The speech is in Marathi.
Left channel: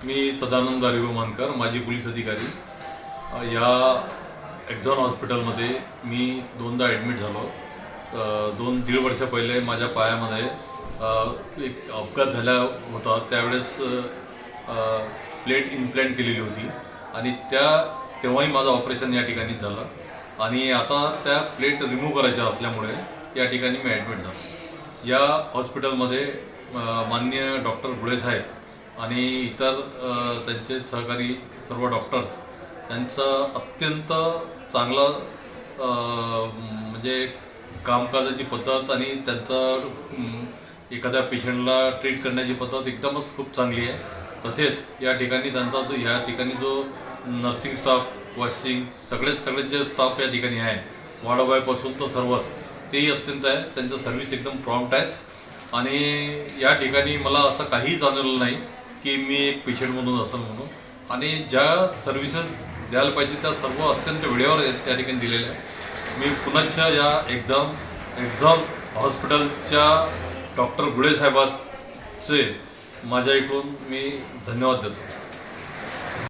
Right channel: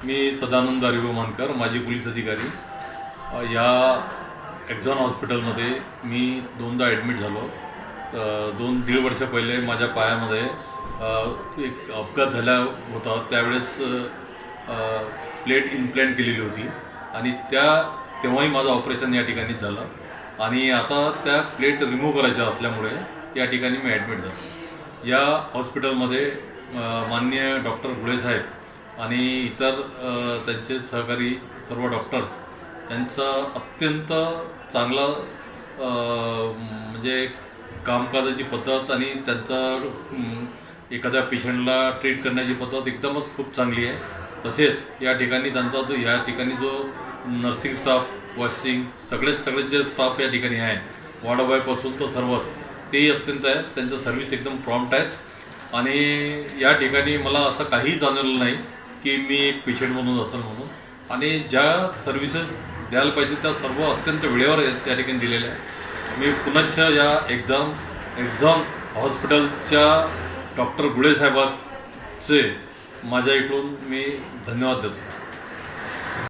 मी सदानंद मानकर, माजी पोलीस अधिकारी। या एक्झॉन हॉस्पिटलमध्ये मी दोनदा ॲडमिट झालो। 2-1.5 वर्ष पहिले माझ्या पायामध्ये एक अपघात झाला होता। त्यावेळेस प्लेट इम्प्लांट केलेली होती आणि तेव्हाही माझं ऑपरेशन या ठिकाणीच झालं आणि आता त्या प्लेट रिमूव्ह करायच्या असल्यामुळे या ठिकाणी मी ॲडमिट झालो। या हॉस्पिटलमध्ये माननीय डॉक्टर गुळे साहेब आणि इतर त्यांचे सहकारी सर्व डॉक्टर्स यांचं अत्यंत चांगलं म्हणजे कामकाजाची पद्धत आणि त्यांचं एखाद्या पेशंटला ट्रीट करण्याची पद्धत एकदमच खूप चांगली आहे। तसेच या ठिकाणी त्यांचा जो नर्सिंग स्टाफ, वॉशिंग सगळेच जे स्टाफ या ठिकाणी आहे, वार्डबॉयपासून तर सर्वच तेही अत्यंत आहे। त्यांचं सर्व्हिस एकदम प्रॉम्प्ट आहेत आणि या ठिकाणी मला असं काहीही जाणवलं नाही की मी एक पेशंट म्हणून असेल म्हणून, आणि ज्या सर्व्हिसेस द्यायला पाहिजे त्या सर्व अत्यंत वेळेवर या ठिकाणी दिलेल्या आहे। मी पुन्हा या एक्झॉन हॉस्पिटलच्या डॉक्टर गुळे साहेबांचे माझ्या इकडून मी धन्यवाद देतो।